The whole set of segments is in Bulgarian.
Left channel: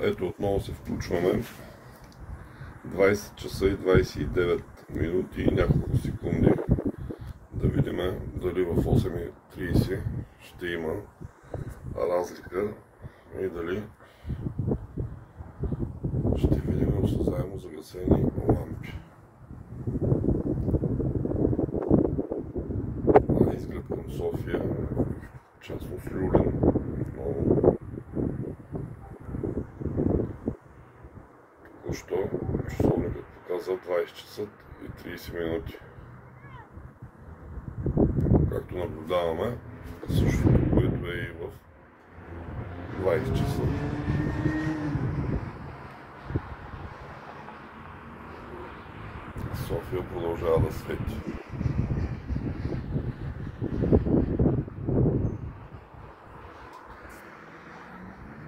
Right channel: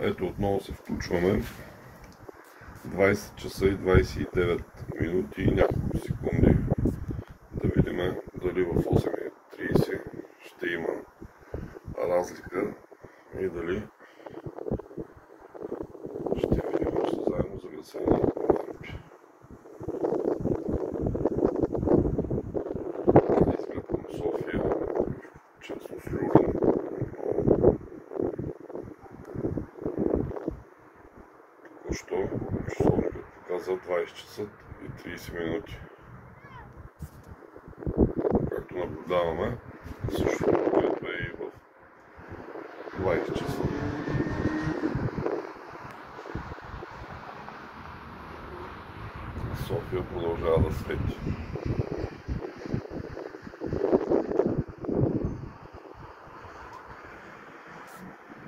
Ето отново се включваме. 20 часа и 29 минути и няколко секунди. Да видим дали в 8:30 ще има разлика и дали ще видим заедно загасени лампи. Изглед към София, частност Люлин. Току-що часовникът показа 20 часа и 30 минути. Както наблюдаваме, същото, което е и в 20 часа. София продължава да свети.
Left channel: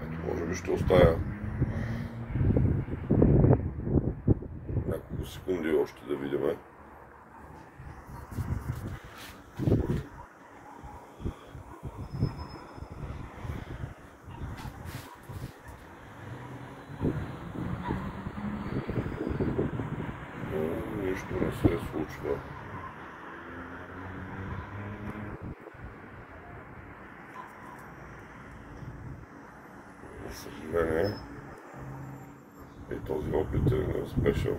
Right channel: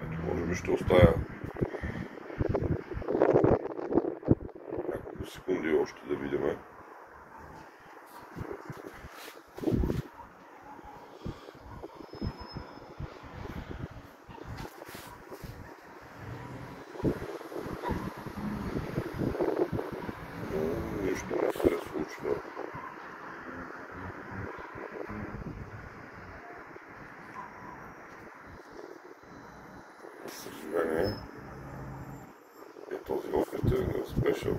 Ето, може би ще оставя няколко секунди още да видим. Нищо не се случва. За съжаление, и този опит е неуспешен.